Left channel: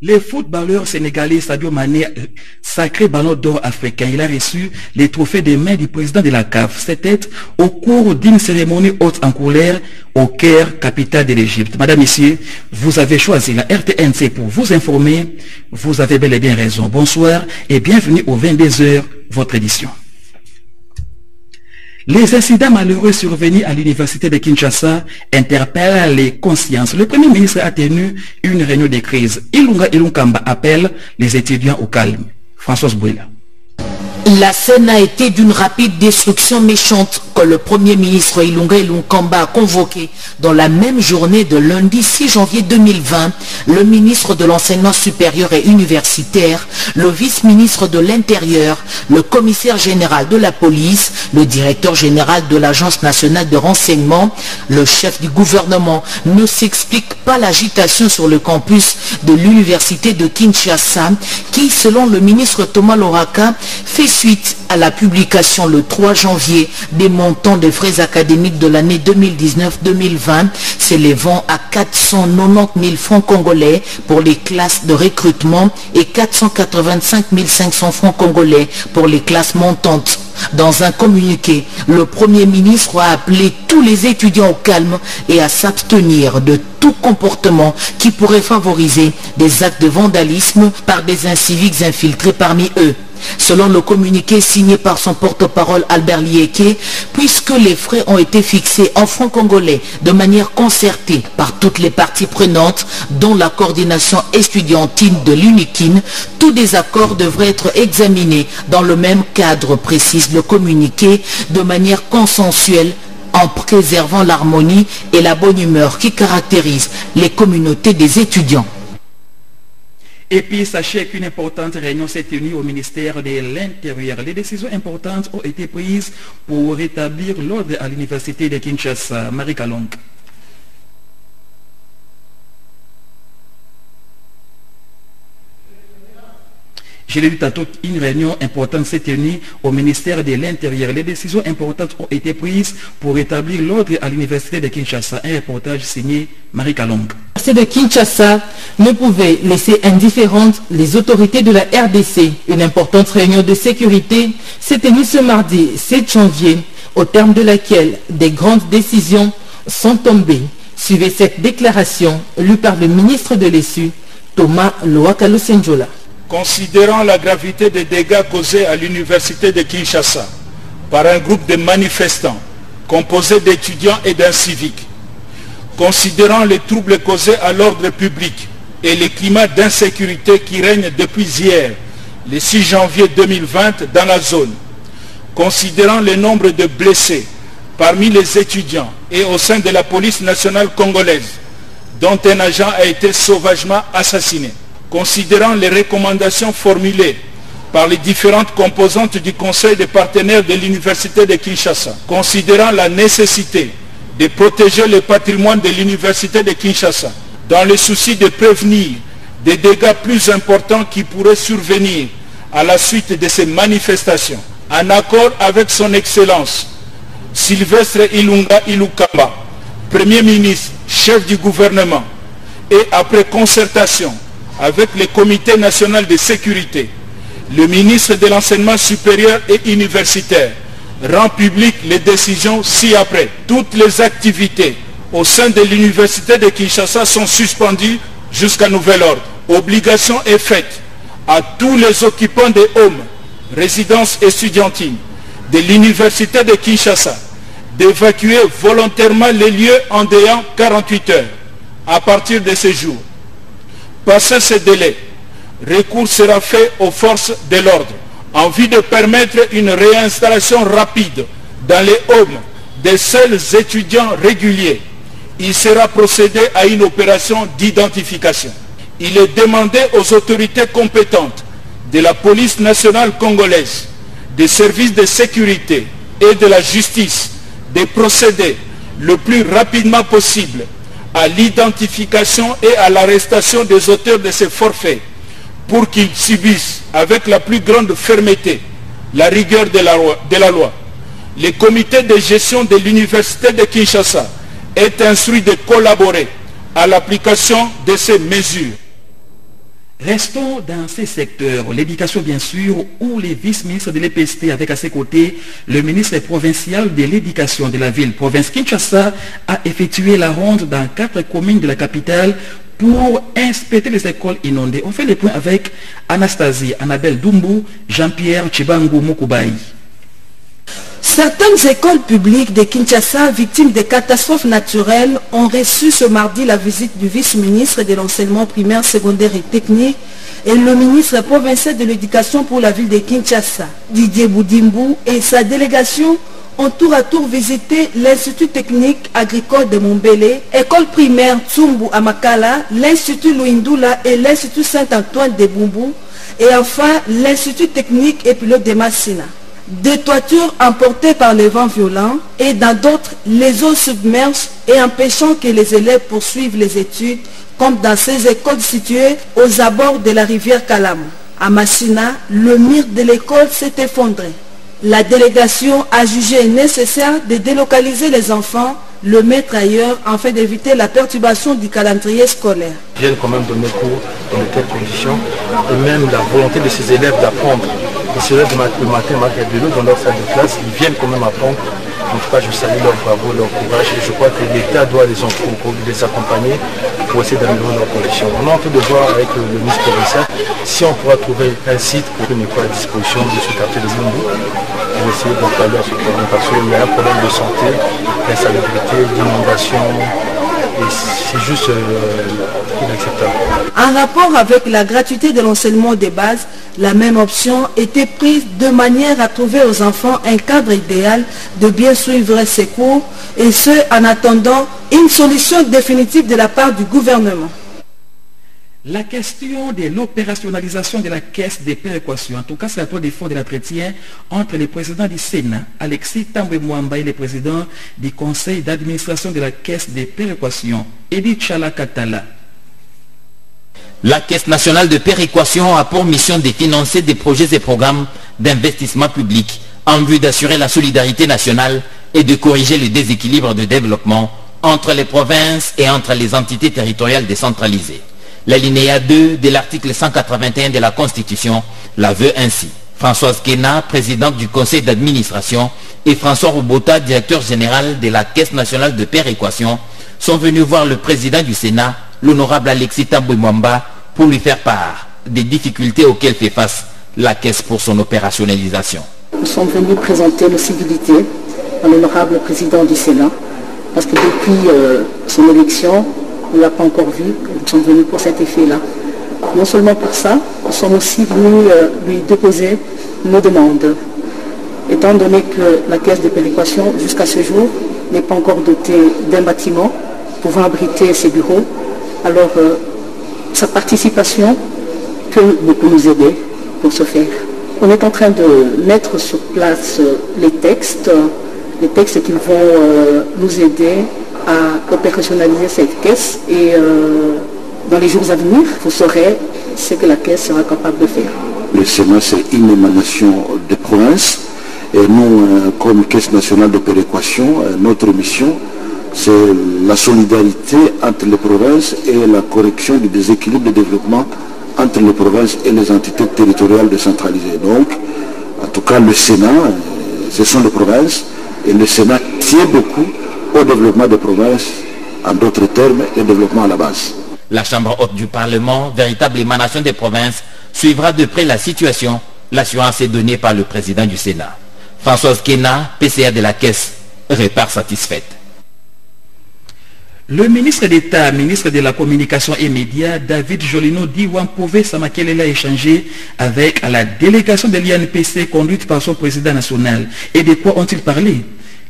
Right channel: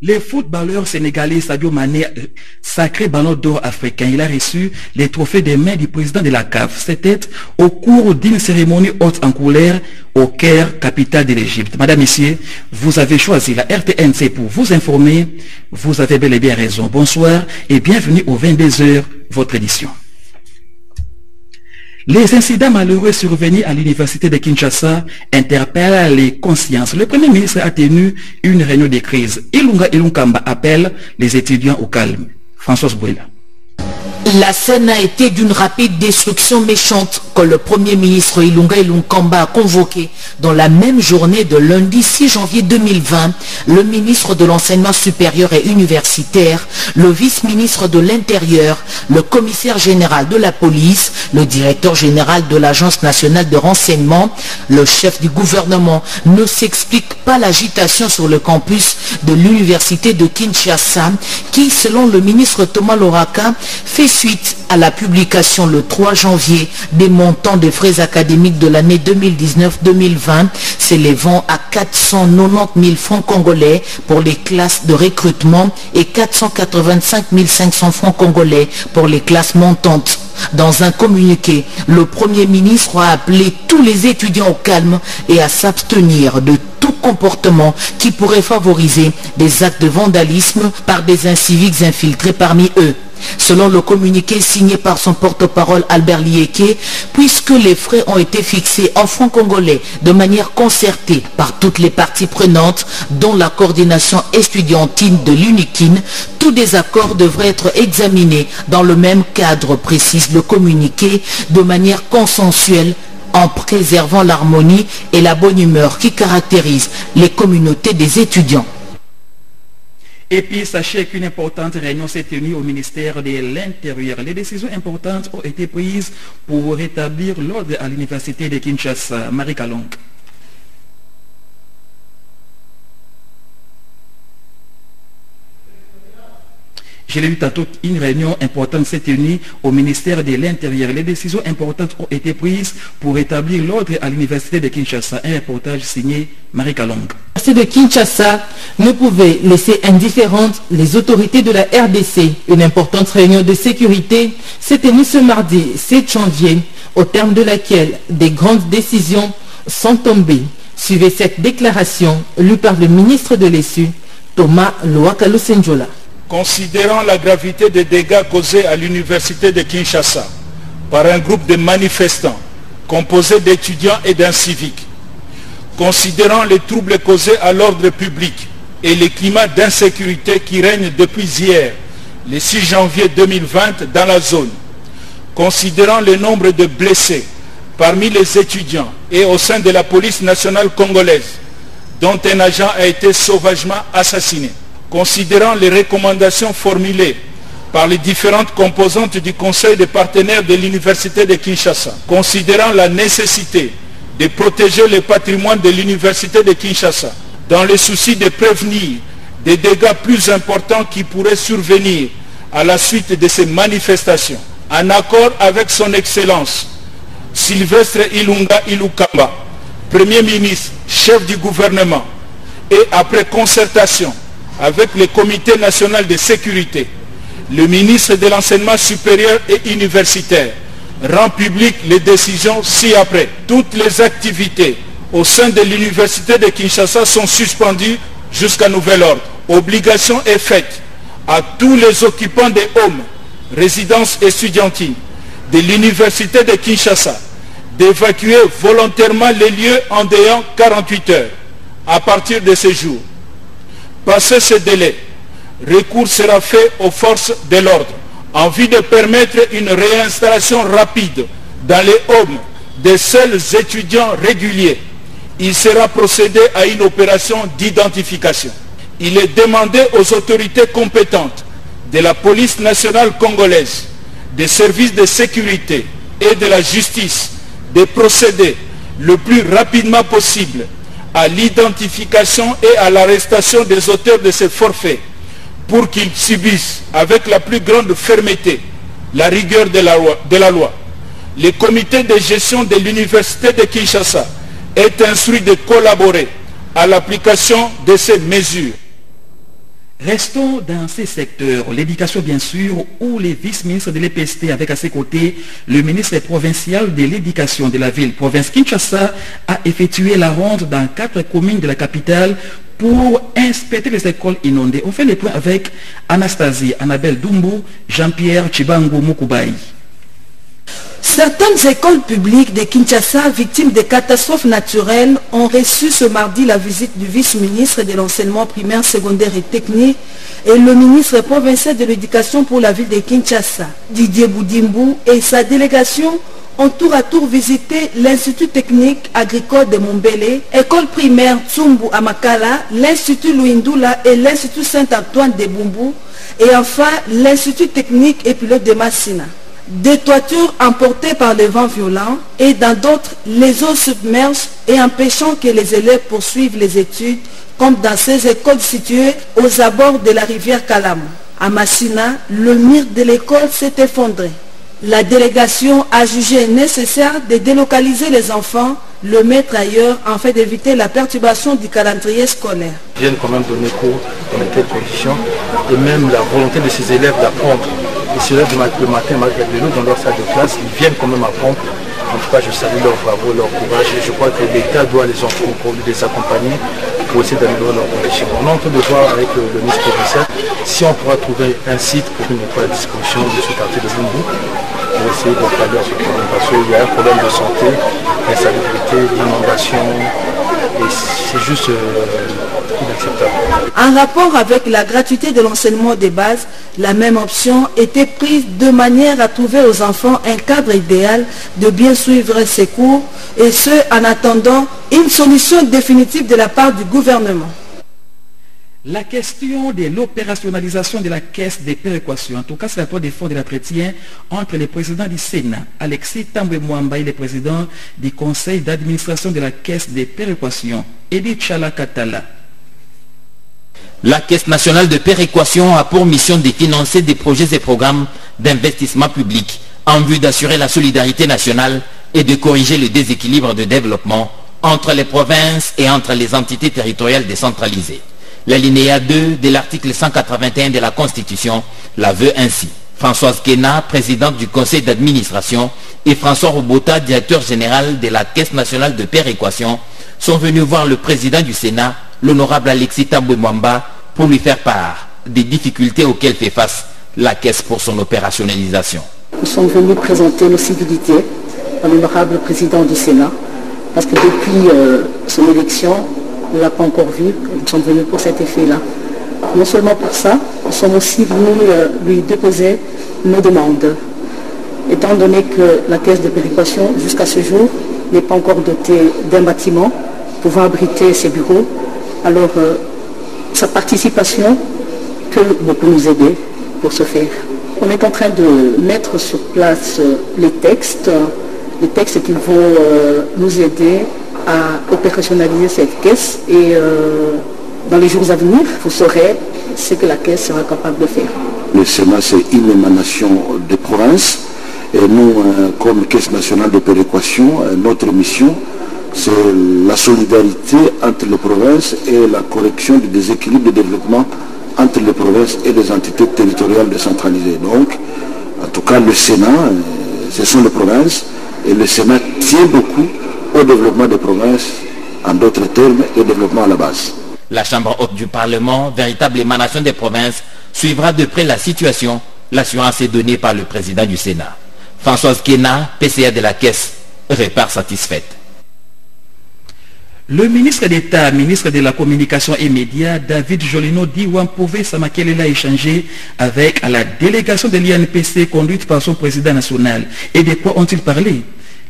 Le footballeur sénégalais Sadio Mané, sacré ballon d'or africain, il a reçu les trophées des mains du président de la CAF. C'était au cours d'une cérémonie haute en couleur au Caire, capitale de l'Égypte. Madame, Messieurs, vous avez choisi la RTNC pour vous informer. Vous avez bel et bien raison. Bonsoir et bienvenue au 22h, votre édition. Les incidents malheureux survenus à l'université de Kinshasa interpellent les consciences. Le Premier ministre a tenu une réunion de crise. Ilunga Ilunkamba appelle les étudiants au calme. Françoise Bouela. La scène a été d'une rapide destruction méchante que le Premier ministre Ilunga Ilunkamba a convoqué dans la même journée de lundi 6 janvier 2020. Le ministre de l'Enseignement supérieur et universitaire, le vice-ministre de l'Intérieur, le commissaire général de la police, le directeur général de l'Agence nationale de renseignement, le chef du gouvernement ne s'explique pas l'agitation sur le campus de l'université de Kinshasa qui, selon le ministre Thomas Loraka, fait suite à la publication le 3 janvier des montants des frais académiques de l'année 2019-2020 s'élevant à 490 000 francs congolais pour les classes de recrutement et 485 500 francs congolais pour les classes montantes. Dans un communiqué, le Premier ministre a appelé tous les étudiants au calme et à s'abstenir de tout comportement qui pourrait favoriser des actes de vandalisme par des inciviques infiltrés parmi eux. Selon le communiqué signé par son porte-parole Albert Lieke, puisque les frais ont été fixés en francs congolais de manière concertée par toutes les parties prenantes, dont la coordination estudiantine de l'UNIKIN, tout désaccord devrait être examiné dans le même cadre, précise le communiqué, de manière consensuelle, en préservant l'harmonie et la bonne humeur qui caractérisent les communautés des étudiants. Et puis, sachez qu'une importante réunion s'est tenue au ministère de l'Intérieur. Les décisions importantes ont été prises pour rétablir l'ordre à l'université de Kinshasa. Marie Kalong. Je l'ai dit tantôt, une réunion importante s'est tenue au ministère de l'Intérieur. Les décisions importantes ont été prises pour rétablir l'ordre à l'université de Kinshasa. Un reportage signé Marie Kalong. L'université de Kinshasa ne pouvait laisser indifférentes les autorités de la RDC. Une importante réunion de sécurité s'est tenue ce mardi 7 janvier, au terme de laquelle des grandes décisions sont tombées. Suivez cette déclaration lue par le ministre de l'ESU, Thomas Loakalo Senjola. Considérant la gravité des dégâts causés à l'université de Kinshasa par un groupe de manifestants composé d'étudiants et d'inciviques, considérant les troubles causés à l'ordre public et les climats d'insécurité qui règnent depuis hier, le 6 janvier 2020 dans la zone, considérant le nombre de blessés parmi les étudiants et au sein de la police nationale congolaise, dont un agent a été sauvagement assassiné, considérant les recommandations formulées par les différentes composantes du Conseil des partenaires de l'Université de Kinshasa, considérant la nécessité de protéger le patrimoine de l'Université de Kinshasa, dans le souci de prévenir des dégâts plus importants qui pourraient survenir à la suite de ces manifestations, en accord avec son Excellence Sylvestre Ilunga Ilunkamba, Premier ministre, chef du gouvernement, et après concertation avec le Comité national de sécurité, le ministre de l'Enseignement supérieur et universitaire rend public les décisions ci-après. Toutes les activités au sein de l'université de Kinshasa sont suspendues jusqu'à nouvel ordre. Obligation est faite à tous les occupants des homes, résidences estudiantines de l'université de Kinshasa d'évacuer volontairement les lieux en délai 48 heures à partir de ce jour. Passé ce délai, recours sera fait aux forces de l'ordre en vue de permettre une réinstallation rapide dans les homes des seuls étudiants réguliers. Il sera procédé à une opération d'identification. Il est demandé aux autorités compétentes de la police nationale congolaise, des services de sécurité et de la justice de procéder le plus rapidement possible à l'identification et à l'arrestation des auteurs de ces forfaits pour qu'ils subissent avec la plus grande fermeté la rigueur de la loi. Le comité de gestion de l'université de Kinshasa est instruit de collaborer à l'application de ces mesures. Restons dans ces secteurs, l'éducation bien sûr, où les vice-ministres de l'EPST avec à ses côtés le ministre provincial de l'éducation de la ville province Kinshasa a effectué la ronde dans 4 communes de la capitale pour inspecter les écoles inondées. On fait les points avec Anastasie, Annabelle Doumbou, Jean-Pierre Chibangu Mukoubaï. Certaines écoles publiques de Kinshasa, victimes des catastrophes naturelles, ont reçu ce mardi la visite du vice-ministre de l'enseignement primaire, secondaire et technique et le ministre provincial de l'éducation pour la ville de Kinshasa. Didier Boudimbu et sa délégation ont tour à tour visité l'Institut technique agricole de Mombele, école primaire Tsumbu à Makala, l'Institut Louindoula et l'Institut Saint-Antoine de Bumbu et enfin l'Institut technique et pilote de Massina. Des toitures emportées par les vents violents et dans d'autres, les eaux submergent et empêchant que les élèves poursuivent les études comme dans ces écoles situées aux abords de la rivière Kalam. À Massina, le mur de l'école s'est effondré. La délégation a jugé nécessaire de délocaliser les enfants, le mettre ailleurs afin d'éviter la perturbation du calendrier scolaire. Ils viennent quand même donner cours dans de telles conditions et même la volonté de ces élèves d'apprendre. Ils se lèvent le matin malgré de l'eau dans leur salle de classe, ils viennent quand même apprendre. En tout cas, je salue leur bravo, leur courage et je crois que l'État doit les accompagner pour essayer d'améliorer leurs conditions. On est en train de voir avec le ministre provincial si on pourra trouver un site pour une école à disposition de ce quartier de Bumbu pour essayer de pallier à ce problème parce qu'il y a un problème de santé, d'insalubrité, d'inondation et c'est juste inacceptable. En rapport avec la gratuité de l'enseignement de base, la même option était prise de manière à trouver aux enfants un cadre idéal de bien suivre ces cours et ce en attendant une solution définitive de la part du gouvernement. La question de l'opérationnalisation de la caisse des péréquations, en tout cas c'est la toile de fond de l'entretien entre le président du Sénat, Alexis Tambwe Mwamba, et le président du conseil d'administration de la caisse des péréquations, Edith Chala Katala. La Caisse nationale de péréquation a pour mission de financer des projets et programmes d'investissement public en vue d'assurer la solidarité nationale et de corriger le déséquilibre de développement entre les provinces et entre les entités territoriales décentralisées. L'alinéa 2 de l'article 181 de la Constitution la veut ainsi. Françoise Kena, présidente du conseil d'administration, et François Robota, directeur général de la Caisse nationale de péréquation, sont venus voir le président du Sénat, l'honorable Alexis Tambwe Mwamba, pour lui faire part des difficultés auxquelles fait face la Caisse pour son opérationnalisation. Nous sommes venus présenter nos civilités à l'honorable président du Sénat, parce que depuis son élection, on ne l'a pas encore vu, nous sommes venus pour cet effet-là. Non seulement pour ça, nous sommes aussi venus lui déposer nos demandes. Étant donné que la caisse de péréquation, jusqu'à ce jour, n'est pas encore dotée d'un bâtiment pouvant abriter ses bureaux, alors sa participation peut beaucoup nous aider pour ce faire. On est en train de mettre sur place les textes qui vont nous aider à opérationnaliser cette caisse et dans les jours à venir, vous saurez ce que la caisse sera capable de faire. Le Sénat, c'est une émanation de province et nous, comme Caisse nationale de péréquation, notre mission, c'est la solidarité entre les provinces et la correction du déséquilibre de développement entre les provinces et les entités territoriales décentralisées. Donc, en tout cas, le Sénat, ce sont les provinces et le Sénat tient beaucoup au développement des provinces, en d'autres termes, et au développement à la base. La Chambre haute du Parlement, véritable émanation des provinces, suivra de près la situation. L'assurance est donnée par le président du Sénat. Françoise Kena, PCA de la Caisse, repart satisfaite. Le ministre d'État, ministre de la Communication et Médias, David Jolino Diwampove Samakelela a échangé avec la délégation de l'INPC conduite par son président national. Et de quoi ont-ils parlé?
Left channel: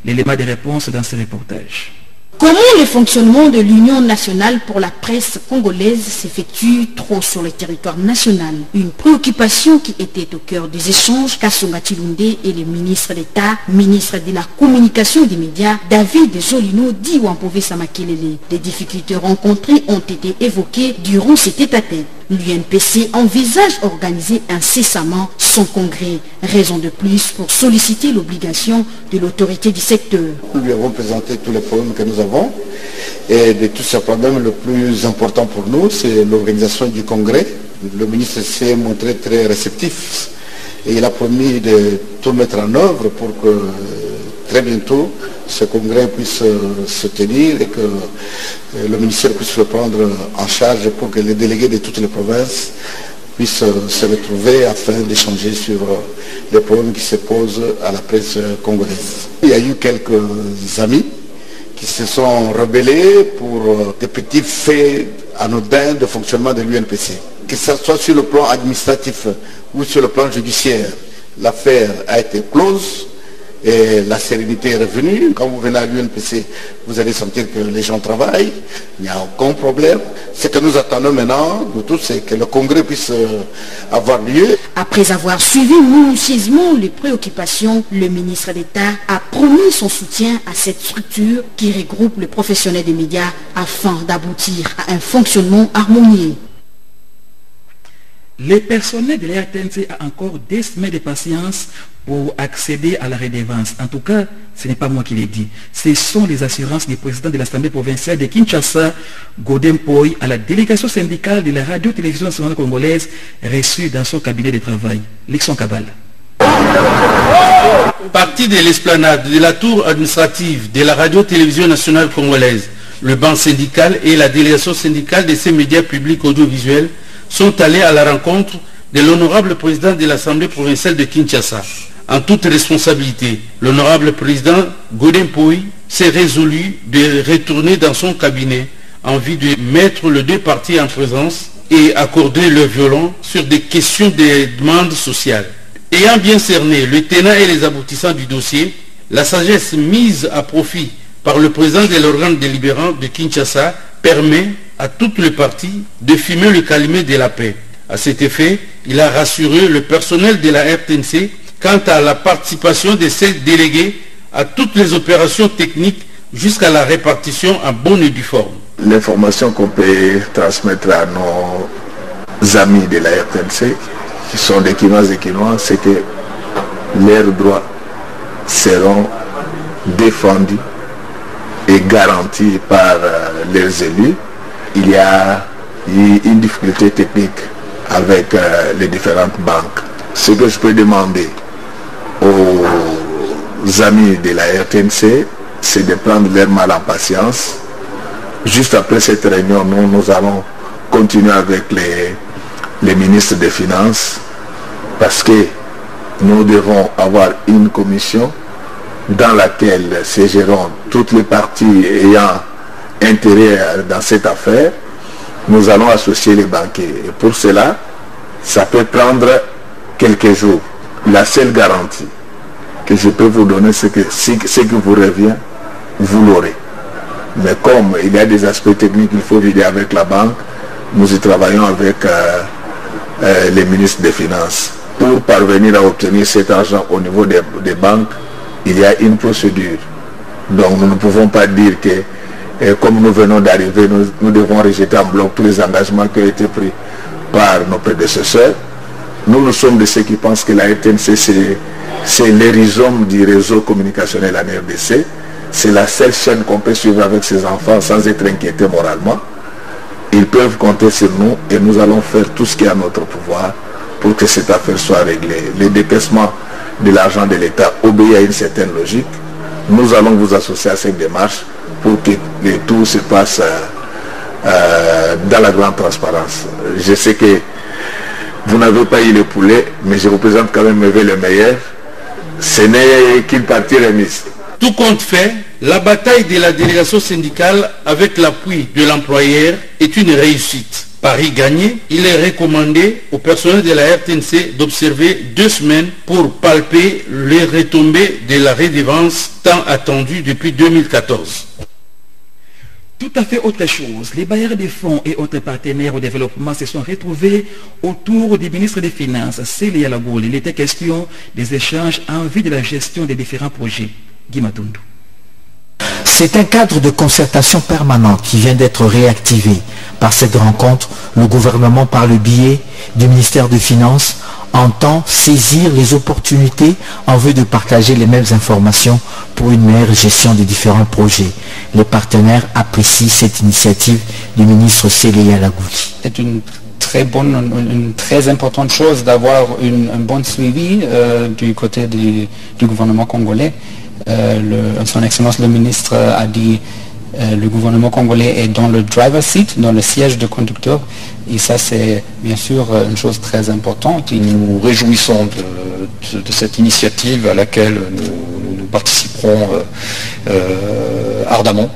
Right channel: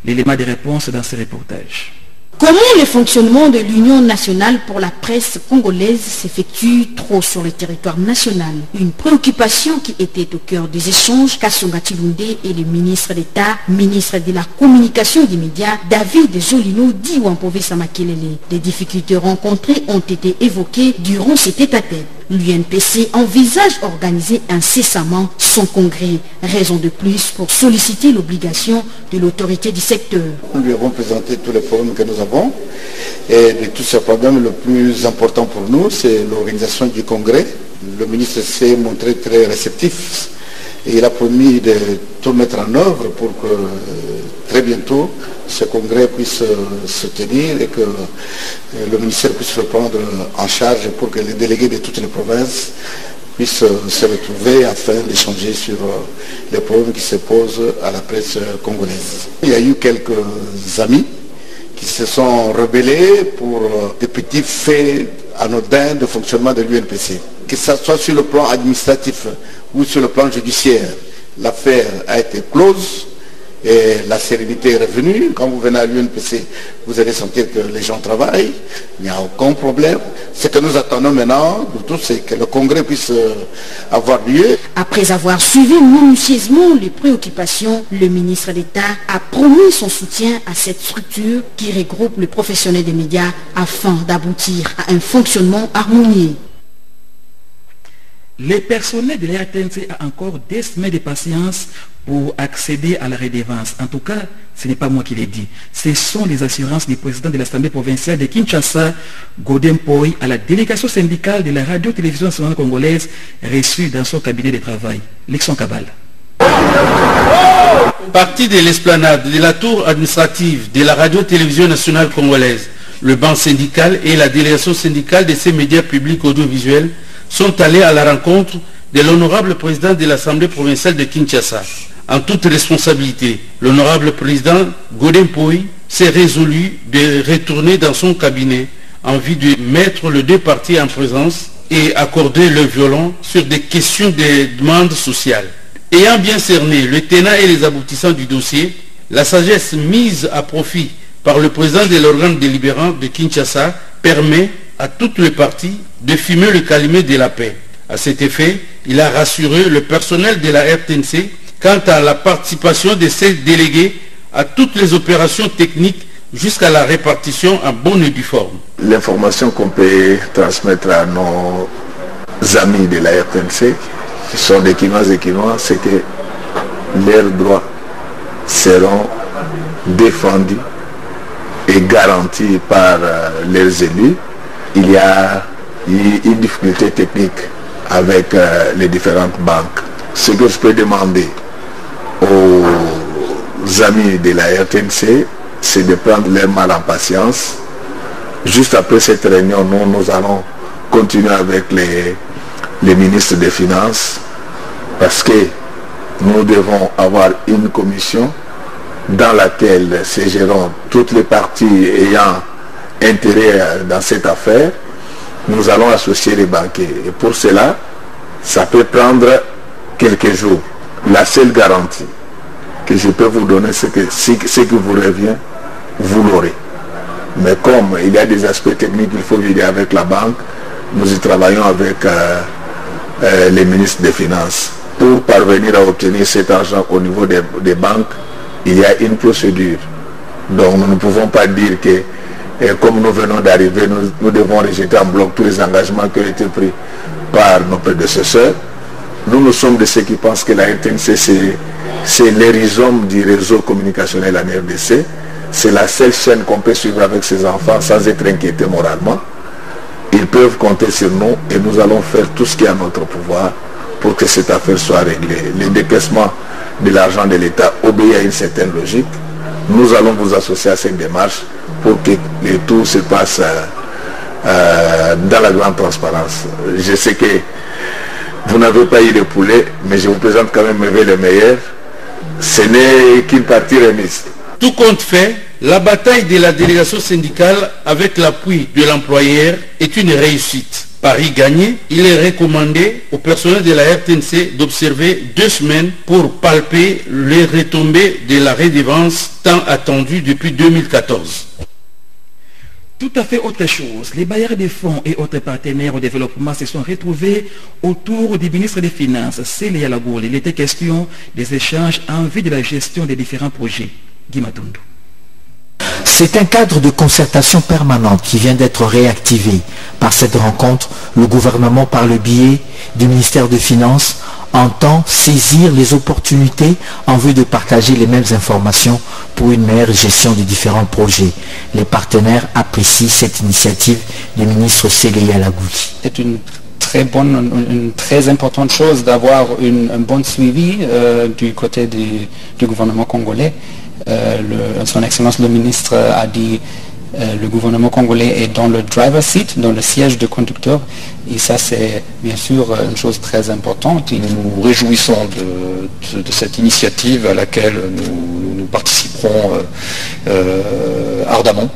L'élément de réponse dans ce reportage. Comment le fonctionnement de l'Union nationale pour la presse congolaise s'effectue trop sur le territoire national? Une préoccupation qui était au cœur des échanges Kasonga Chilunde et le ministre d'État, ministre de la Communication et des Médias, David Jolino Diwampove Samakelele. Les difficultés rencontrées ont été évoquées durant cet tête-à-tête. L'UNPC envisage organiser incessamment son congrès, raison de plus pour solliciter l'obligation de l'autorité du secteur. Nous lui avons présenté tous les problèmes que nous avons et de tous ces problèmes, le plus important pour nous, c'est l'organisation du congrès Le ministre s'est montré très réceptif et il a promis de tout mettre en œuvre pour que très bientôt ce congrès puisse se tenir et que le ministère puisse le prendre en charge pour que les délégués de toutes les provinces puissent se retrouver afin d'échanger sur les problèmes qui se posent à la presse congolaise. Il y a eu quelques amis qui se sont rebellés pour des petits faits anodins de fonctionnement de l'UNPC. Que ce soit sur le plan administratif ou sur le plan judiciaire, l'affaire a été close et la sérénité est revenue. Quand vous venez à l'UNPC, vous allez sentir que les gens travaillent, il n'y a aucun problème. Ce que nous attendons maintenant, nous tous, c'est que le congrès puisse avoir lieu. Après avoir suivi minutieusement les préoccupations, le ministre d'État a promis son soutien à cette structure qui regroupe les professionnels des médias afin d'aboutir à un fonctionnement harmonieux. Les personnels de la RTNC ont encore des semaines de patience pour accéder à la redevance. En tout cas, ce n'est pas moi qui l'ai dit. Ce sont les assurances du président de l'Assemblée provinciale de Kinshasa, Godem Poy, à la délégation syndicale de la radio-télévision nationale congolaise reçue dans son cabinet de travail. Lexon Kabal. Parti de l'esplanade de la tour administrative de la radio-télévision nationale congolaise, le banc syndical et la délégation syndicale de ces médias publics audiovisuels sont allés à la rencontre de l'honorable président de l'Assemblée provinciale de Kinshasa. En toute responsabilité, l'honorable président Godem Poy s'est résolu de retourner dans son cabinet en vue de mettre les deux parties en présence et accorder le violon sur des questions de demande sociale. Ayant bien cerné le tenant et les aboutissants du dossier, la sagesse mise à profit par le président de l'organe délibérant de Kinshasa permet à toutes les parties de fumer le calumet de la paix. À cet effet, il a rassuré le personnel de la RTNC quant à la participation de ses délégués à toutes les opérations techniques jusqu'à la répartition en bonne et due forme. L'information qu'on peut transmettre à nos amis de la RTNC, qui sont des Kinois et Kinois, c'est que leurs droits seront défendus et garantis par leurs élus. Il y a eu une difficulté technique avec les différentes banques. Ce que je peux demander aux amis de la RTNC, c'est de prendre leur mal en patience. Juste après cette réunion, nous allons continuer avec les ministres des Finances parce que nous devons avoir une commission dans laquelle siégeront toutes les parties ayant intérêt dans cette affaire. Nous allons associer les banquiers. Et pour cela, ça peut prendre quelques jours. La seule garantie que je peux vous donner, c'est que ce qui vous revient, vous l'aurez. Mais comme il y a des aspects techniques qu'il faut vider avec la banque, nous y travaillons avec les ministres des Finances. Pour parvenir à obtenir cet argent au niveau des banques, il y a une procédure. Donc nous ne pouvons pas dire que comme nous venons d'arriver, nous devons rejeter en bloc tous les engagements qui ont été pris par nos prédécesseurs. Nous sommes de ceux qui pensent que la RTNC, c'est l'hérisome du réseau communicationnel en RDC. C'est la seule chaîne qu'on peut suivre avec ses enfants sans être inquiété moralement. Ils peuvent compter sur nous et nous allons faire tout ce qui est à notre pouvoir pour que cette affaire soit réglée. Le décaissement de l'argent de l'État obéit à une certaine logique. Nous allons vous associer à cette démarche pour que le tout se passe dans la grande transparence. Je sais que vous n'avez pas eu le poulet, mais je vous présente quand même le meilleur. Ce n'est qu'une partie remise. Tout compte fait, la bataille de la délégation syndicale avec l'appui de l'employeur est une réussite. Paris gagné, il est recommandé au personnel de la RTNC d'observer 2 semaines pour palper les retombées de la redevance tant attendue depuis 2014. Tout à fait autre chose. Les bailleurs de fonds et autres partenaires au développement se sont retrouvés autour du ministre des Finances, Célia Lagoule. Il était question des échanges en vue de la gestion des différents projets. Guy Matundu. C'est un cadre de concertation permanente qui vient d'être réactivé. Par cette rencontre, le gouvernement, par le biais du ministère des Finances, entend saisir les opportunités en vue de partager les mêmes informations pour une meilleure gestion des différents projets. Les partenaires apprécient cette initiative du ministre Célia Lagouli. C'est une une très importante chose d'avoir un bon suivi du côté du gouvernement congolais. Son Excellence le ministre a dit le gouvernement congolais est dans le driver seat, dans le siège de conducteur, et ça c'est bien sûr une chose très importante. Et nous nous réjouissons de cette initiative à laquelle nous participerons ardemment,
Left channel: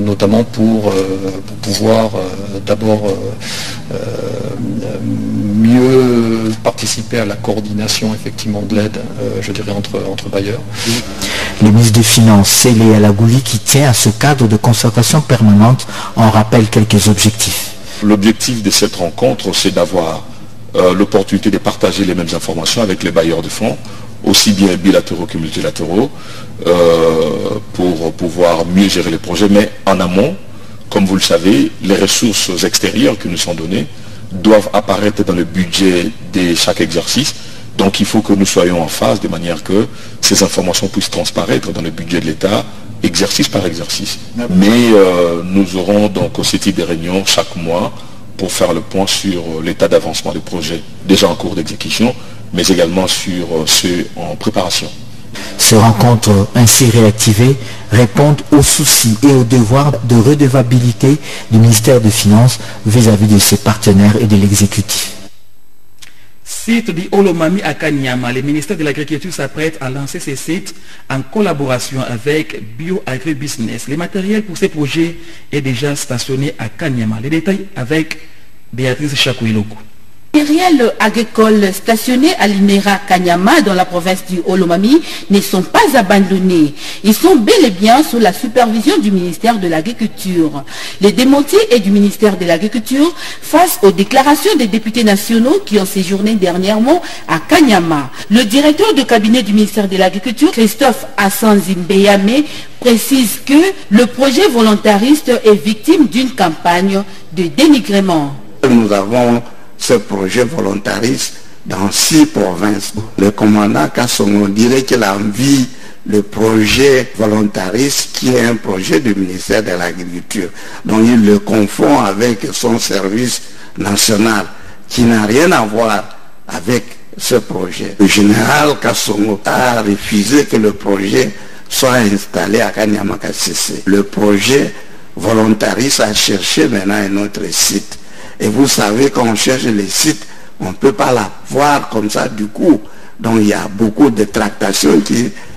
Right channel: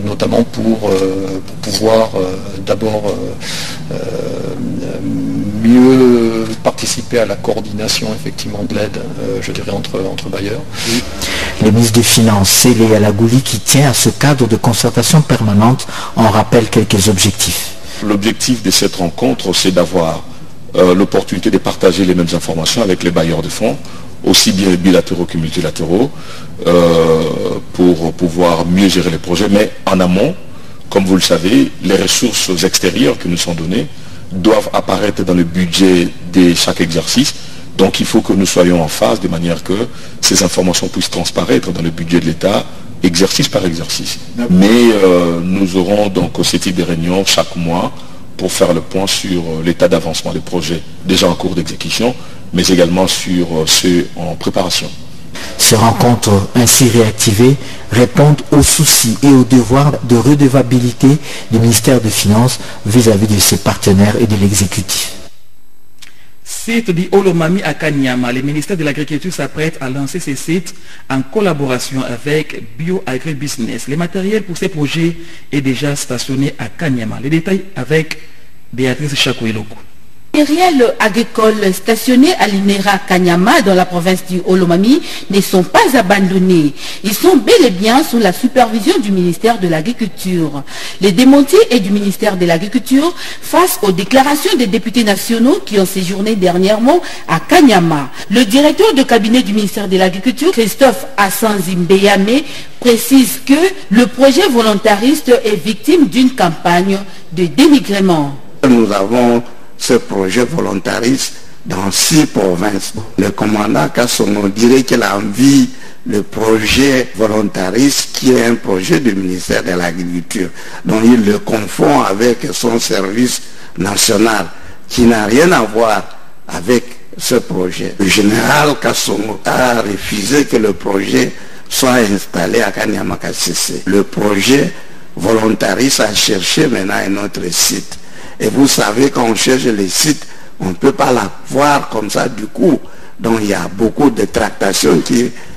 notamment pour pouvoir d'abord mieux participer à la coordination effectivement de l'aide, je dirais, entre bailleurs. Le ministre des Finances, Célé Alagouli, qui tient à ce cadre de concertation permanente, en rappelle quelques objectifs. L'objectif de cette rencontre, c'est d'avoir l'opportunité de partager les mêmes informations avec les bailleurs de fonds, aussi bien bilatéraux que multilatéraux, pour pouvoir mieux gérer les projets. Mais en amont, comme vous le savez, les ressources extérieures qui nous sont données doivent apparaître dans le budget de chaque exercice. Donc il faut que nous soyons en phase de manière que ces informations puissent transparaître dans le budget de l'État, exercice par exercice. Mais nous aurons donc ce type de réunion chaque mois pour faire le point sur l'état d'avancement des projets déjà en cours d'exécution, mais également sur ceux en préparation. Ces rencontres ainsi réactivées répondent aux soucis et aux devoirs de redevabilité du ministère des Finances vis-à-vis de ses partenaires et de l'exécutif. Site du Olomami à Kanyama, le ministère de l'Agriculture s'apprête à lancer ces sites en collaboration avec Bio-Agribusiness. Le matériel pour ces projets est déjà stationné à Kanyama. Les détails avec Béatrice Chakouiloko. Les matériels agricoles stationnés à l'INERA Kanyama dans la province du Olomami ne sont pas abandonnés. Ils sont bel et bien sous la supervision du ministère de l'Agriculture. Les démentis est du ministère de l'Agriculture face aux déclarations des députés nationaux qui ont séjourné dernièrement à Kanyama. Le directeur de cabinet du ministère de l'Agriculture, Christophe Assanzimbeyame, précise que le projet volontariste est victime d'une campagne de dénigrement. Nous avons ce projet volontariste dans 6 provinces. Le commandant Kassongo dirait qu'il a envie le projet volontariste qui est un projet du ministère de l'Agriculture. Donc il le confond avec son service national qui n'a rien à voir avec ce projet. Le général Kassongo a refusé que le projet soit installé à Kanyama-Kassese. Le projet volontariste a cherché maintenant un autre site. Et vous savez, quand on cherche les sites, on ne peut pas la voir comme ça du coup. Donc il y a beaucoup de tractations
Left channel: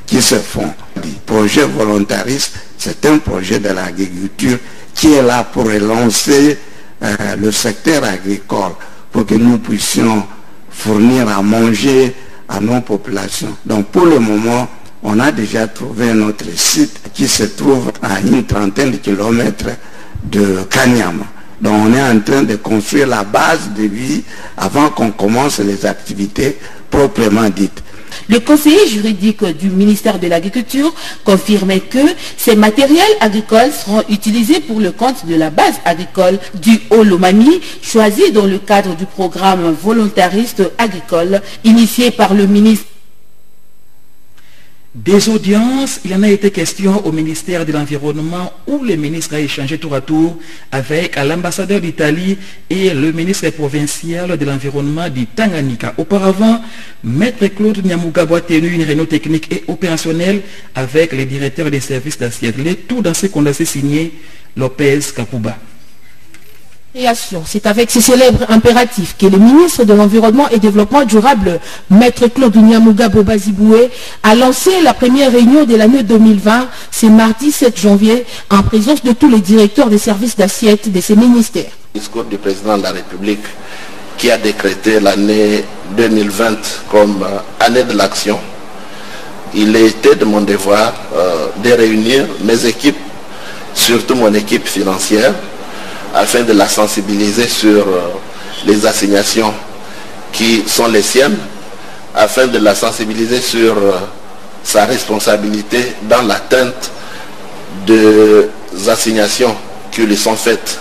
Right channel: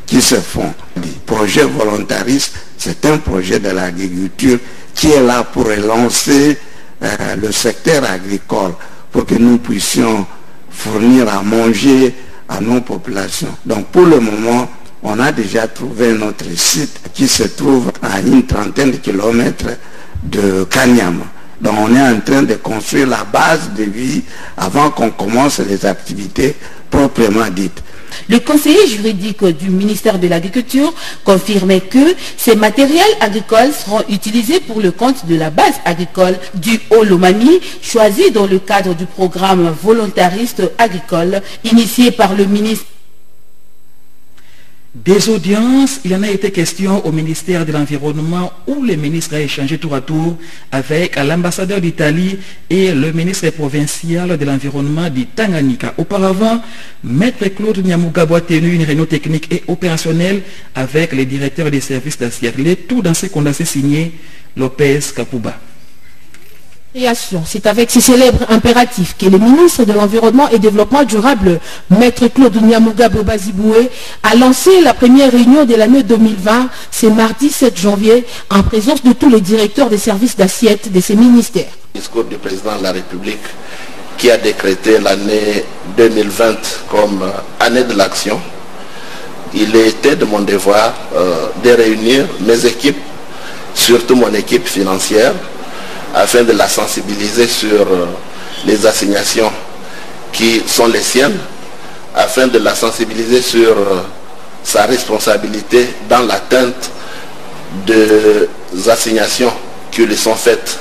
qui se font. Le projet volontariste, c'est un projet de l'agriculture qui est là pour relancer le secteur agricole, pour que nous puissions fournir à manger à nos populations. Donc pour le moment, on a déjà trouvé un autre site qui se trouve à une trentaine de kilomètres de Kanyama. Donc on est en train de construire la base de vie avant qu'on commence les activités proprement dites. Le conseiller juridique du ministère de l'Agriculture confirmait que ces matériels agricoles seront utilisés pour le compte de la base agricole du Olomami, choisie dans le cadre du programme volontariste agricole initié par le ministre. Des audiences, il en a été question au ministère de l'Environnement où le ministre a échangé tour à tour avec l'ambassadeur d'Italie et le ministre provincial de l'Environnement du Tanganyika. Auparavant, Maître Claude Nyamugabo a tenu une réunion technique et opérationnelle avec les directeurs des services d'assiette. Le tout dans ce condensé signé Lopez Kapuba. C'est avec ces célèbres impératifs que le ministre de l'Environnement et Développement durable, Maître Claude Nyamugabo Baziboué, a lancé la première réunion de l'année 2020, c'est mardi 7 janvier, en présence de tous les directeurs des services d'assiette de ces ministères. Le discours du président de la République qui a décrété l'année 2020 comme année de l'action, il était de mon devoir de réunir mes équipes, surtout mon équipe financière, afin de la sensibiliser sur les assignations qui sont les siennes, afin de la sensibiliser sur sa responsabilité dans l'atteinte des assignations qui lui sont faites.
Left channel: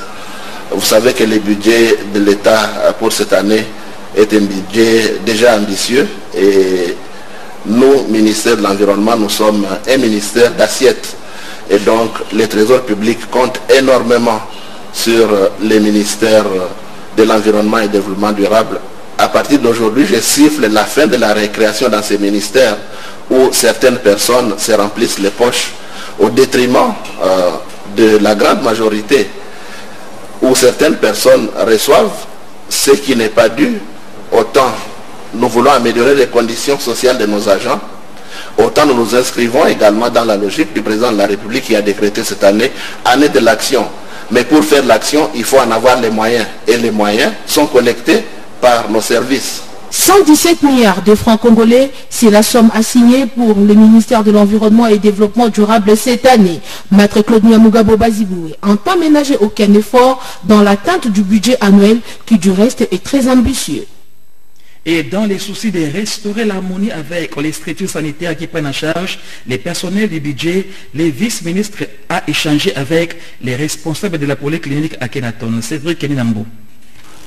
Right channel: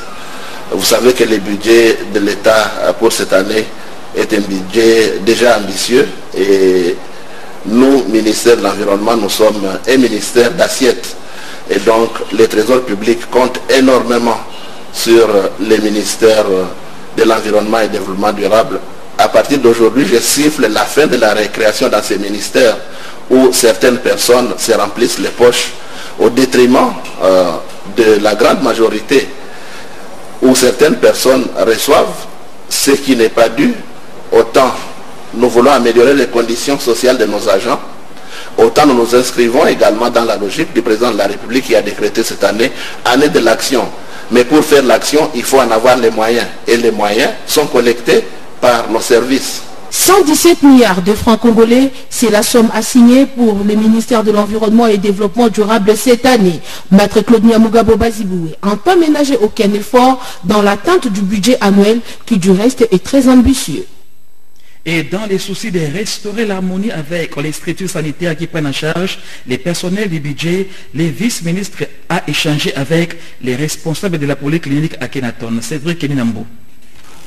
Vous savez que le budget de l'État pour cette année est un budget déjà ambitieux et nous, ministère de l'Environnement, nous sommes un ministère d'assiette et donc le Trésor public compte énormément sur les ministères de l'environnement et développement durable. À partir d'aujourd'hui, je siffle la fin de la récréation dans ces ministères où certaines personnes se remplissent les poches au détriment de la grande majorité, où certaines personnes reçoivent ce qui n'est pas dû. Autant nous voulons améliorer les conditions sociales de nos agents, autant nous nous inscrivons également dans la logique du président de la République qui a décrété cette année de l'action. Mais pour faire l'action, il faut en avoir les moyens. Et les moyens sont collectés par nos services. 117 milliards de francs congolais, c'est la somme assignée pour le ministère de l'Environnement et Développement durable cette année. Maître Claude Nyamugabo Baziboué entend ménager aucun effort dans l'atteinte du budget annuel qui du reste est très ambitieux. Et dans les soucis de restaurer l'harmonie avec les structures sanitaires qui prennent en charge les personnels du budget, le vice-ministre a échangé avec les responsables de la polyclinique à Kenaton. Cédric Keninambo.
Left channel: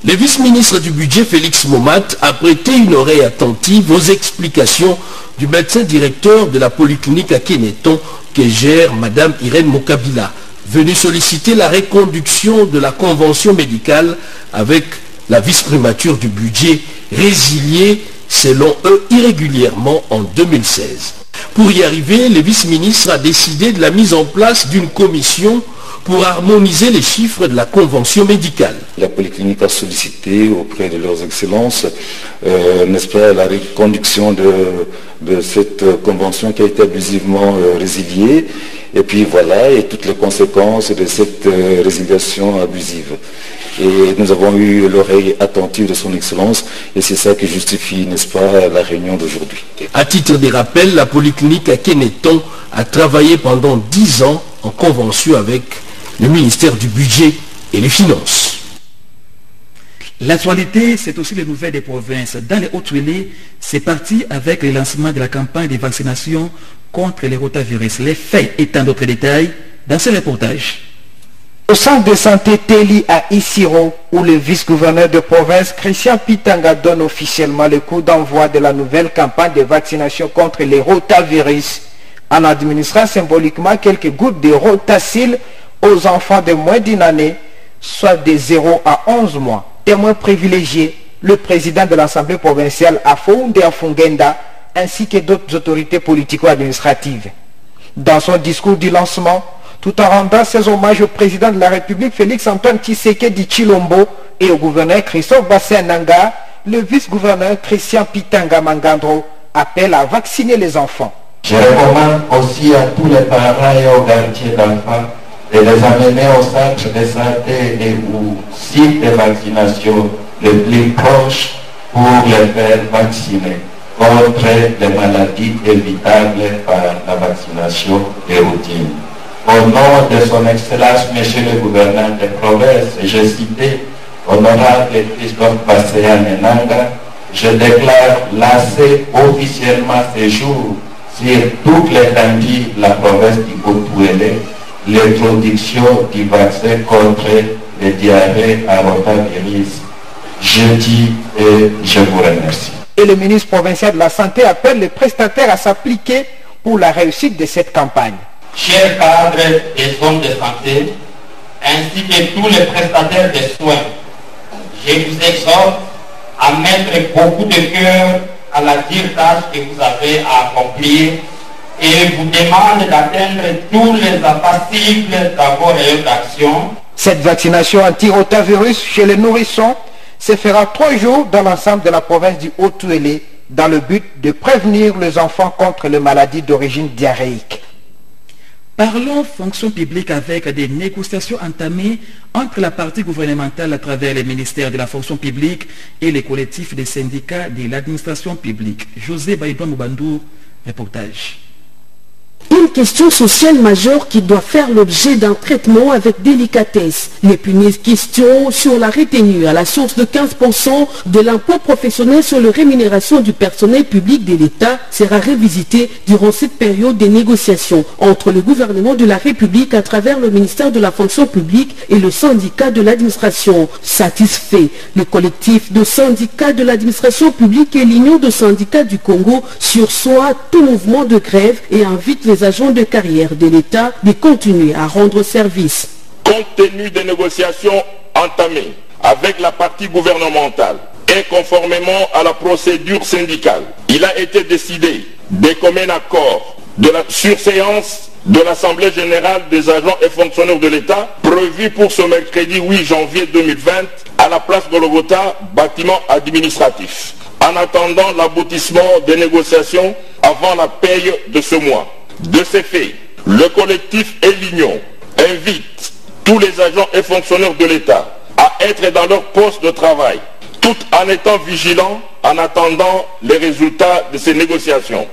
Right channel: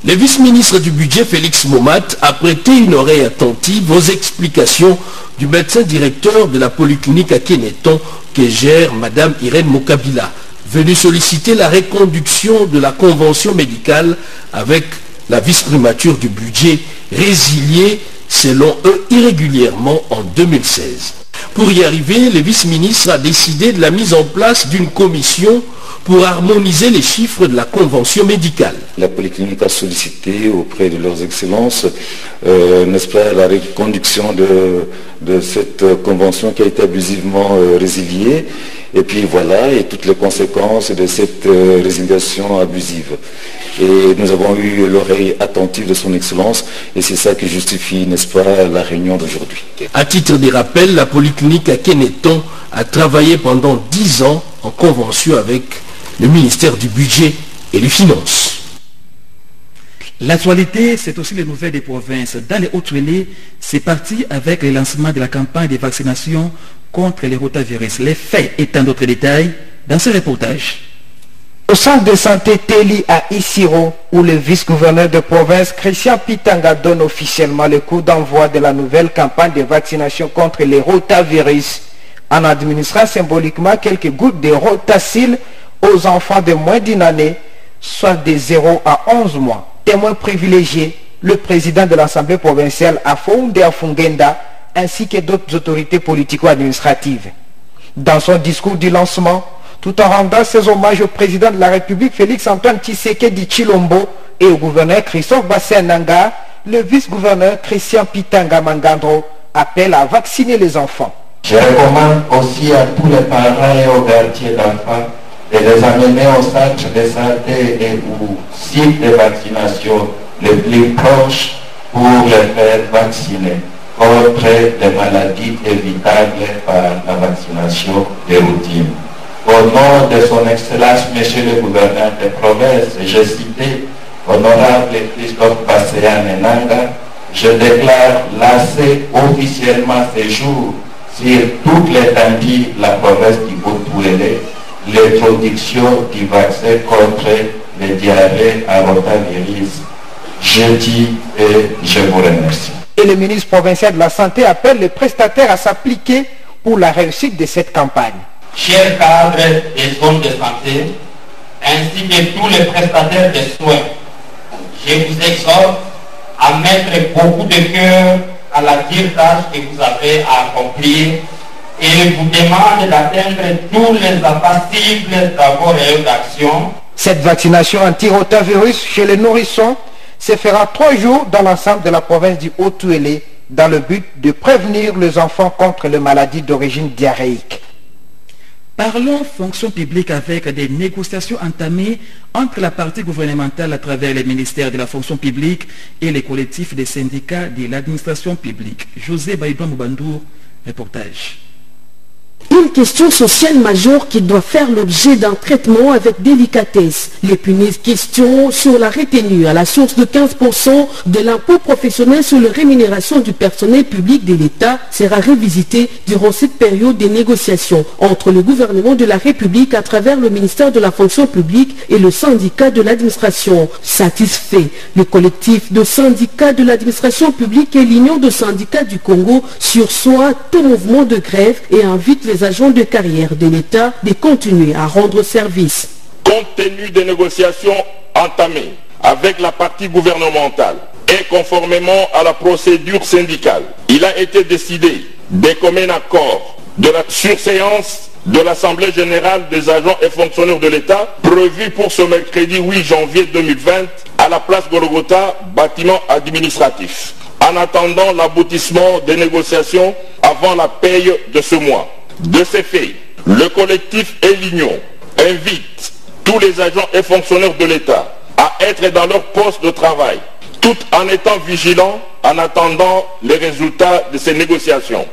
Le vice-ministre du budget Félix Momat a prêté une oreille attentive aux explications du médecin directeur de la polyclinique à Keneton que gère Madame Irène Mokabila, venue solliciter la reconduction de la convention médicale avec la vice-primature du budget résiliée selon eux irrégulièrement en 2016. Pour y arriver, le vice-ministre a décidé de la mise en place d'une commission pour harmoniser les chiffres de la convention médicale. La polyclinique a sollicité auprès de leurs excellences, n'est-ce pas, la reconduction de cette convention qui a été abusivement résiliée, et puis voilà, et toutes les conséquences de cette résiliation abusive. Et nous avons eu l'oreille attentive de son excellence, et c'est ça qui justifie, n'est-ce pas, la réunion d'aujourd'hui. À titre de rappel, la polyclinique à Keneton a travaillé pendant 10 ans en convention avec le ministère du Budget et des Finances. L'actualité, c'est aussi les nouvelles des provinces. Dans les Hautes-Tuélé, c'est parti avec le lancement de la campagne de vaccination contre les rotavirus. Les faits étant d'autres détails dans ce reportage. Au centre de santé Téli à Isiro, où le vice-gouverneur de province Christian Pitanga donne officiellement le coup d'envoi de la nouvelle campagne de vaccination contre les rotavirus, en administrant symboliquement quelques gouttes de rotacil aux enfants de moins d'une année, soit de 0 à 11 mois. Témoin privilégié, le président de l'Assemblée provinciale Afounde Afungenda, ainsi que d'autres autorités politico-administratives. Dans son discours du lancement, tout en rendant ses hommages au président de la République Félix-Antoine Tshisekedi Tshilombo et au gouverneur Christophe Bassé-Nanga, le vice-gouverneur Christian Pitanga Mangandro appelle à vacciner les enfants. Je recommande aussi à tous les parents et aux gardiens d'enfants de les amener au centre de santé et au site de vaccination le plus proche pour les faire vacciner contre les maladies évitables par la vaccination de routine. Au nom de son Excellence, Monsieur le gouverneur de province, je citais Honorable Christophe Bassé-Nanga, je déclare lancer officiellement ce jour sur toute l'étendue de la province du Haut-Tuélé l'introduction du vaccin contre les diarrhées à rotavirus. Je dis et je vous remercie. Et le ministre provincial de la Santé appelle les prestataires à s'appliquer pour la réussite de cette campagne. Chers cadres des zones de santé, ainsi que tous les prestataires de soins, je vous exhorte à mettre beaucoup de cœur à la dure tâche que vous avez à accomplir et vous demande d'atteindre tous les impassibles travaux réels d'action. Cette vaccination anti-rotavirus chez les nourrissons se fera 3 jours dans l'ensemble de la province du Haut-Tuélé dans le but de prévenir les enfants contre les maladies d'origine diarrhéique. Parlons fonction publique avec des négociations entamées entre la partie gouvernementale à travers les ministères de la fonction publique et les collectifs des syndicats de l'administration publique. José Baïdouan Moubandour, reportage. Une question sociale majeure qui doit faire l'objet d'un traitement avec délicatesse. L'épineuse question sur la retenue à la source de 15% de l'impôt professionnel sur les rémunérations du personnel public de l'État sera revisitée durant cette période de négociations entre le gouvernement de la République à travers le ministère de la fonction publique et le syndicat de l'administration. Satisfait, le collectif de syndicats de l'administration publique et l'Union de syndicats du Congo sursoit tout mouvement de grève et invite les agents de carrière de l'État de continuer à rendre service. Compte tenu des négociations entamées avec la partie gouvernementale et conformément à la procédure syndicale, il a été décidé des communs accords de la surséance de l'Assemblée générale des agents et fonctionnaires de l'État prévue pour ce mercredi 8 janvier 2020 à la place Golgotha, bâtiment administratif, en attendant l'aboutissement des négociations avant la paye de ce mois. De ces faits, le collectif et l'Union invitent tous les agents et fonctionnaires de l'État à être dans leur poste de travail, tout en étant vigilants en attendant les résultats de ces négociations.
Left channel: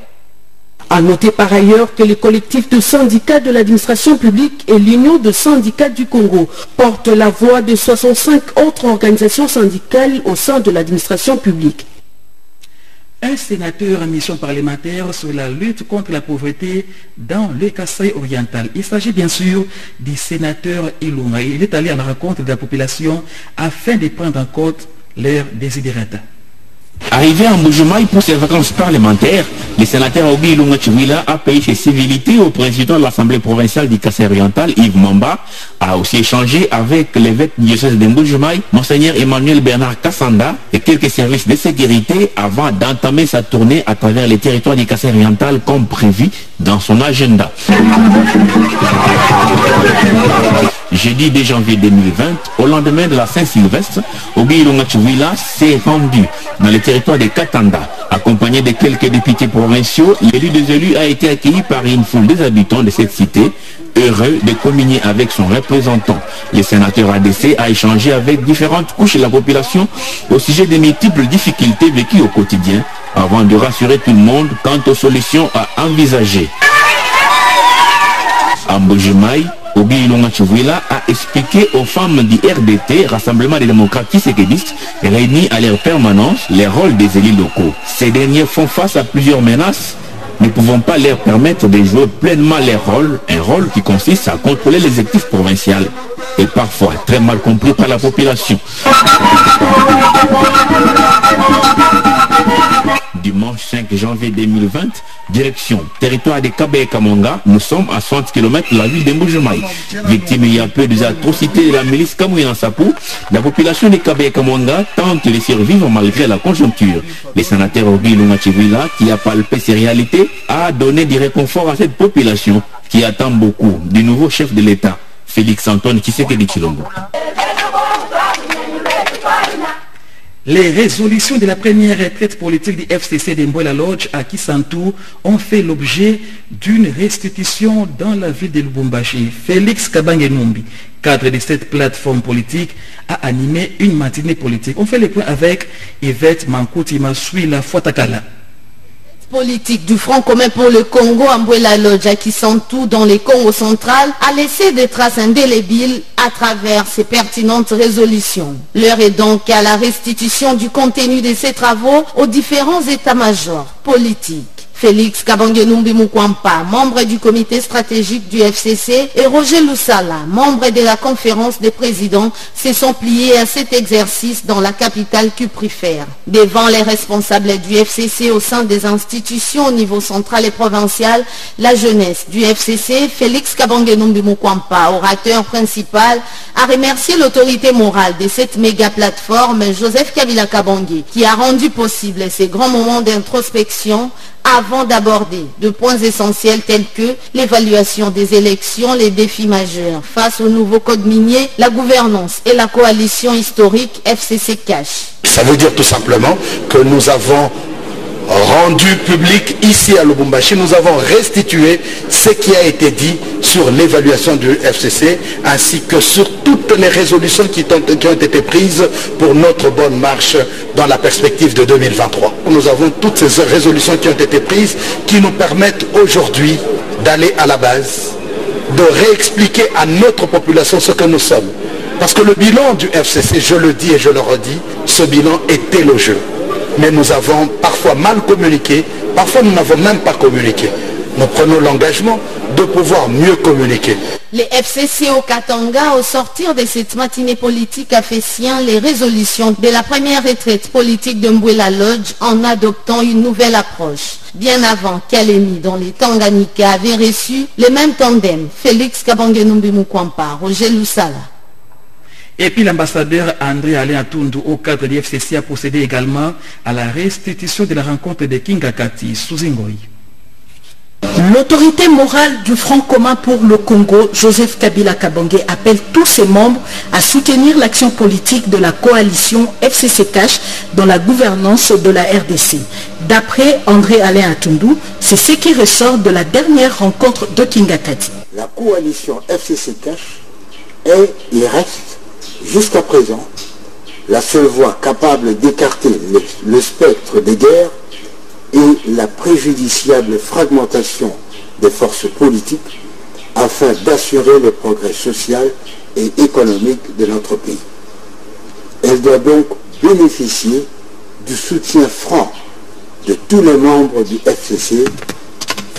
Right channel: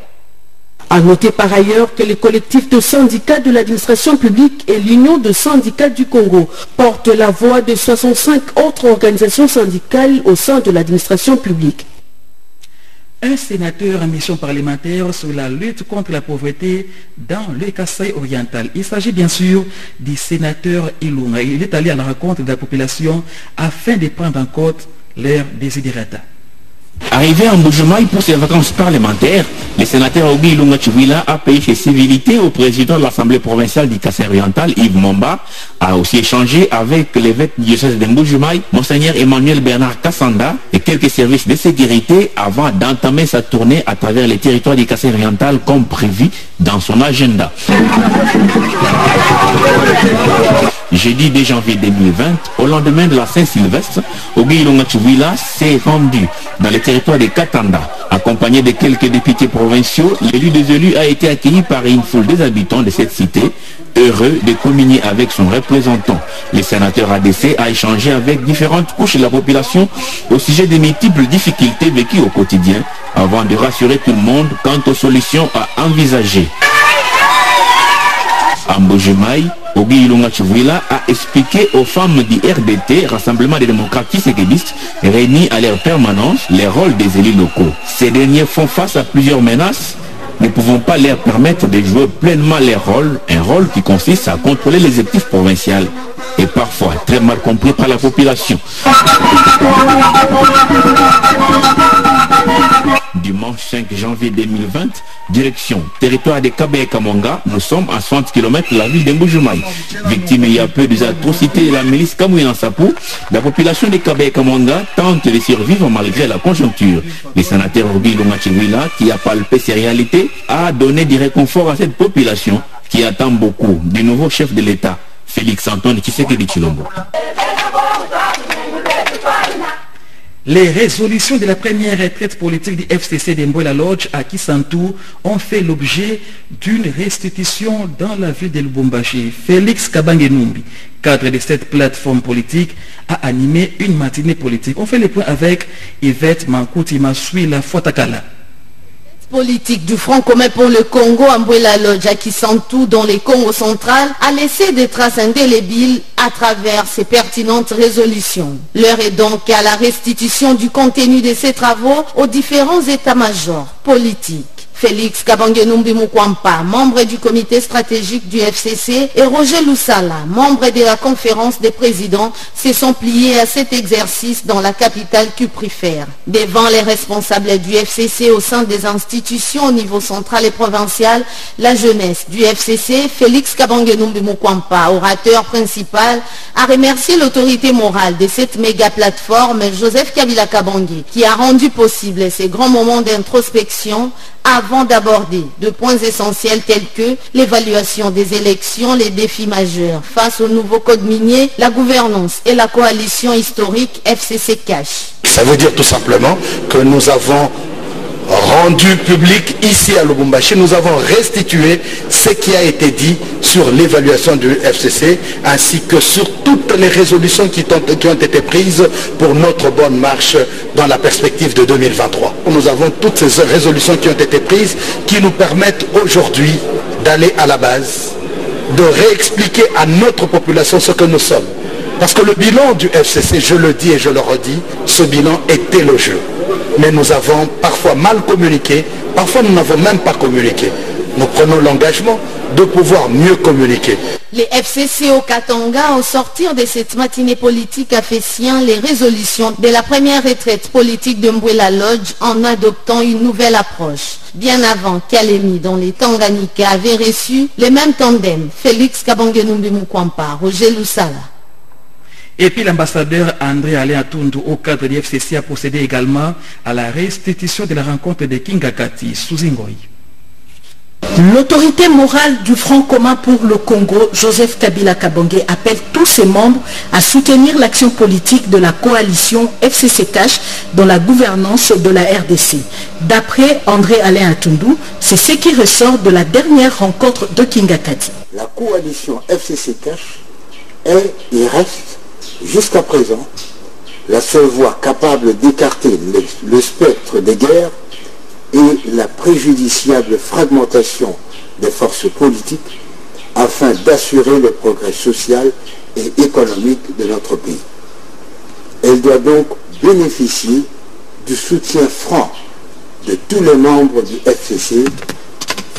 À noter par ailleurs que le collectif de syndicats de l'administration publique et l'Union de syndicats du Congo portent la voix de 65 autres organisations syndicales au sein de l'administration publique. Un sénateur en mission parlementaire sur la lutte contre la pauvreté dans le Kasaï oriental. Il s'agit bien sûr du sénateur Ilunga. Il est allé à la rencontre de la population afin de prendre en compte leurs desiderata. Arrivé à Mbujimaï pour ses vacances parlementaires, le sénateur Ogi Ilunga Chiwila a payé ses civilités au président de l'Assemblée provinciale du Kasaï oriental, Yves Momba, a aussi échangé avec l'évêque du diocèse de Mbujimaï, Monseigneur Emmanuel Bernard Kassanda, et quelques services de sécurité avant d'entamer sa tournée à travers les territoires du Kasaï oriental comme prévu dans son agenda. Jeudi 2 janvier 2020, au lendemain de la Saint-Sylvestre, Ogi Ilunga Chiwila s'est rendu dans le territoire de Katanda. Accompagné de quelques députés provinciaux, l'élu des élus a été accueilli par une foule des habitants de cette cité, heureux de communier avec son représentant. Le sénateur ADC a échangé avec différentes couches de la population au sujet des multiples difficultés vécues au quotidien, avant de rassurer tout le monde quant aux solutions à envisager. À Mbujimaï, Ogi Ilunga Chiwila a expliqué aux femmes du RDT, Rassemblement des démocrates tshisekidistes, réunis à leur permanence, les rôles des élus locaux. Ces derniers font face à plusieurs menaces, ne pouvant pas leur permettre de jouer pleinement leur rôle, un rôle qui consiste à contrôler l'exécutif provincial et parfois très mal compris par la population. Dimanche 5 janvier 2020, direction territoire de Kabaye Kamanga, nous sommes à 60 km de la ville de Mbujimaï. Victime il y a peu des atrocités de la milice Kamouina Sapou, la population de Kabaye Kamanga tente de survivre malgré la conjoncture. Le sénateur Ogi Ilunga Chiwila, qui a palpé ces réalités, a donné du réconfort à cette population qui attend beaucoup du nouveau chef de l'État, Félix Antoine Tshisekedi Tshilombo. Les résolutions de la première retraite politique du FCC de Mboula Lodge à Kisantou ont fait l'objet d'une restitution dans la ville de Lubumbashi. Félix Kabange-Numbi, cadre de cette plateforme politique, a animé une matinée politique. On fait le point avec Yvette Mankouti Masui La Fotakala. Politique du Front commun pour le Congo, Mboula Lodge à Kisantou dans le Congo central, a laissé des traces indélébiles à travers ses pertinentes résolutions. L'heure est donc à la restitution du contenu de ces travaux aux différents états-majors politiques. Félix Kabange-Numbi Mukwampa, membre du comité stratégique du FCC, et Roger Lusala, membre de la conférence des présidents, se sont pliés à cet exercice dans la capitale cuprifère. Devant les responsables du FCC au sein des institutions au niveau central et provincial, la jeunesse du FCC, Félix Kabange-Numbi Mukwampa, orateur principal, a remercié l'autorité morale de cette méga plateforme, Joseph Kabila Kabange, qui a rendu possible ces grands moments d'introspection avant d'aborder de points essentiels tels que l'évaluation des élections, les défis majeurs face au nouveau code minier, la gouvernance et la coalition historique FCC-Cash. Ça veut dire tout simplement que nous avons rendu public ici à Lubumbashi, nous avons restitué ce qui a été dit sur l'évaluation du FCC ainsi que sur toutes les résolutions qui ont été prises pour notre bonne marche dans la perspective de 2023. Nous avons toutes ces résolutions qui ont été prises qui nous permettent aujourd'hui d'aller à la base, de réexpliquer à notre population ce que nous sommes. Parce que le bilan du FCC, je le dis et je le redis, ce bilan est élogieux. Mais nous avons parfois mal communiqué, parfois nous n'avons même pas communiqué. Nous prenons l'engagement de pouvoir mieux communiquer. Les FCC au Katanga, au sortir de cette matinée politique, a fait sien les résolutions de la première retraite politique de Mboula Lodge en adoptant une nouvelle approche. Bien avant qu'Alemi, dont les Tanganyika avaient reçu les mêmes tandems, Félix Kabange-Numbi Mukwampa, Roger Lusala. Et puis l'ambassadeur André Alain Atundu, au cadre du FCC, a procédé également à la restitution de la rencontre de Kingakati sous Ingoi. L'autorité morale du Front commun pour le Congo, Joseph Kabila Kabange, appelle tous ses membres à soutenir l'action politique de la coalition FCC-CACH dans la gouvernance de la RDC. D'après André Alain Atundu, c'est ce qui ressort de la dernière rencontre de Kingakati. La coalition FCC-CACH est et reste jusqu'à présent la seule voie capable d'écarter le spectre des guerres et la préjudiciable fragmentation des forces politiques afin d'assurer le progrès social et économique de notre pays. Elle doit donc bénéficier du soutien franc de tous les membres du FCC,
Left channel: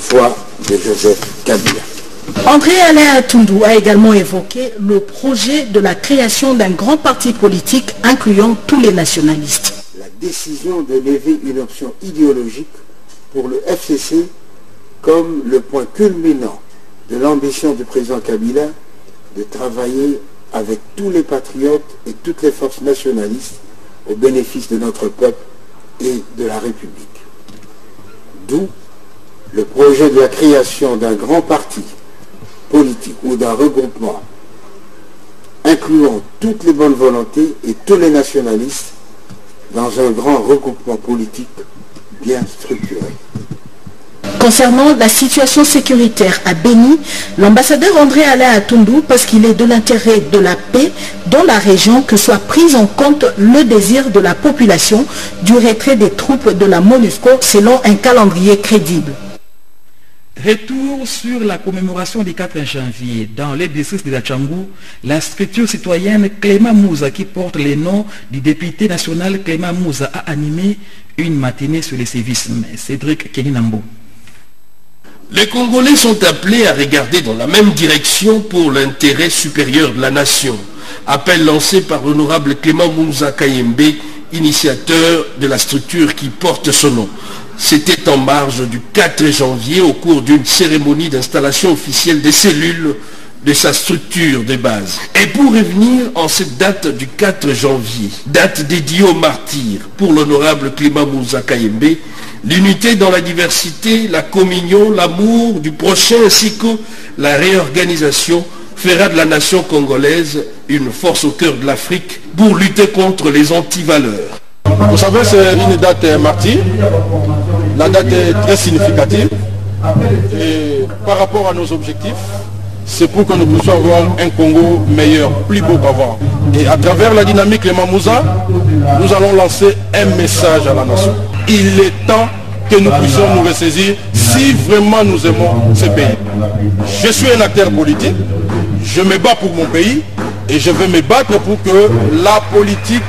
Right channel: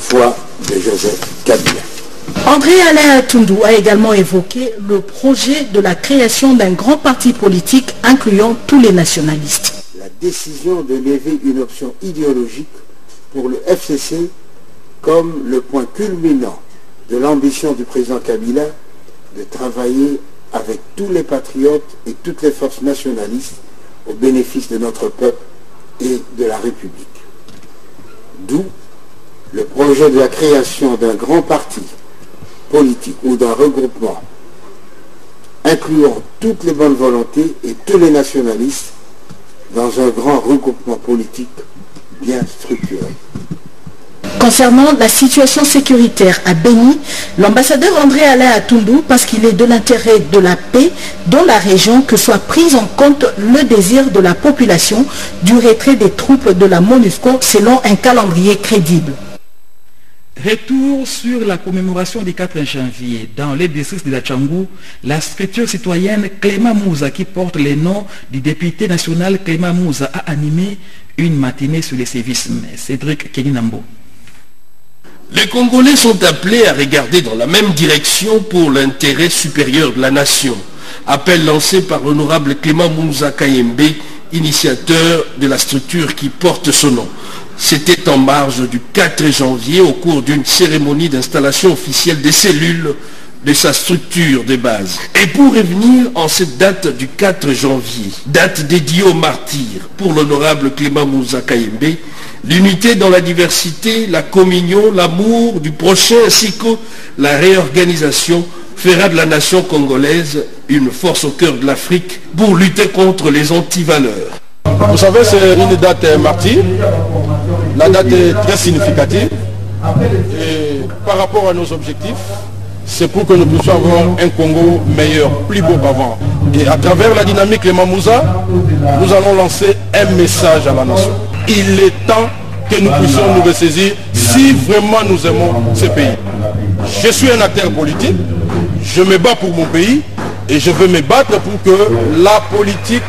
foi de Joseph Kabila. André Alain Atundu a également évoqué le projet de la création d'un grand parti politique incluant tous les nationalistes. La décision de lever une option idéologique pour le FCC comme le point culminant de l'ambition du président Kabila de travailler avec tous les patriotes et toutes les forces nationalistes au bénéfice de notre peuple et de la République. D'où le projet de la création d'un grand parti politique ou d'un regroupement incluant toutes les bonnes volontés et tous les nationalistes dans un grand regroupement politique bien structuré. Concernant la situation sécuritaire à Béni, l'ambassadeur André Alain Atundu, parce qu'il est de l'intérêt de la paix dans la région que soit pris en compte le désir de la population du retrait des troupes de la MONUSCO selon un calendrier crédible. Retour sur la commémoration du 4 janvier. Dans les districts de la Tchangou, la structure citoyenne Clément Mouza, qui porte le nom du député national Clément Mouza, a animé une matinée sur les sévices. Cédric Keninambo. Les Congolais sont appelés à regarder dans la même direction pour l'intérêt supérieur de la nation. Appel lancé par l'honorable Clément Mouza Kayembe, initiateur de la structure qui porte son nom. C'était en marge du 4 janvier au cours d'une cérémonie d'installation officielle des cellules de sa structure de base. Et pour revenir en cette date du 4 janvier, date dédiée aux martyrs pour l'honorable Clément Mouza Kayembe, l'unité dans la diversité, la communion, l'amour du prochain ainsi que la réorganisation fera de la nation congolaise une force au cœur de l'Afrique pour lutter contre les antivaleurs. Vous savez, c'est une date martyre. La date est très significative. Et par rapport à nos objectifs, c'est pour que nous puissions avoir un Congo meilleur, plus beau qu'avant. Et à travers la dynamique Clément Mouza, nous allons lancer un message à la nation. Il est temps que nous puissions nous ressaisir si vraiment nous aimons ce pays. Je suis un acteur politique, je me bats pour mon pays et je veux me battre pour que la politique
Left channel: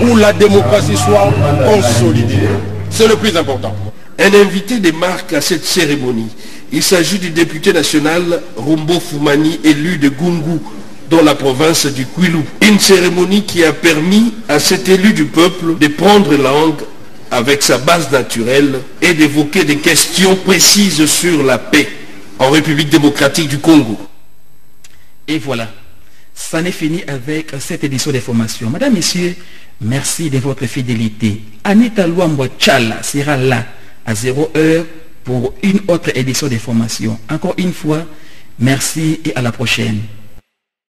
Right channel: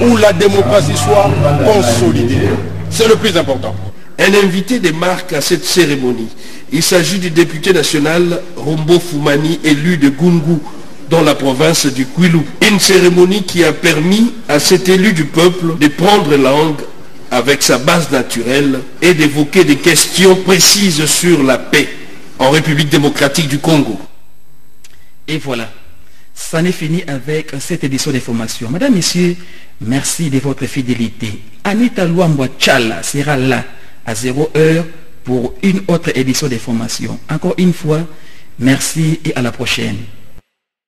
ou la démocratie soit consolidée. C'est le plus important. Un invité de marque à cette cérémonie. Il s'agit du député national Rombo Foumani, élu de Gungu, dans la province du Kwilu. Une cérémonie qui a permis à cet élu du peuple de prendre langue avec sa base naturelle et d'évoquer des questions précises sur la paix en République démocratique du Congo. Et voilà, ça n'est fini avec cette édition d'information. Madame, Messieurs, merci de votre fidélité. Anita Luambwa Tchala sera là à 0h pour une autre édition d'information. Encore une fois, merci et à la prochaine.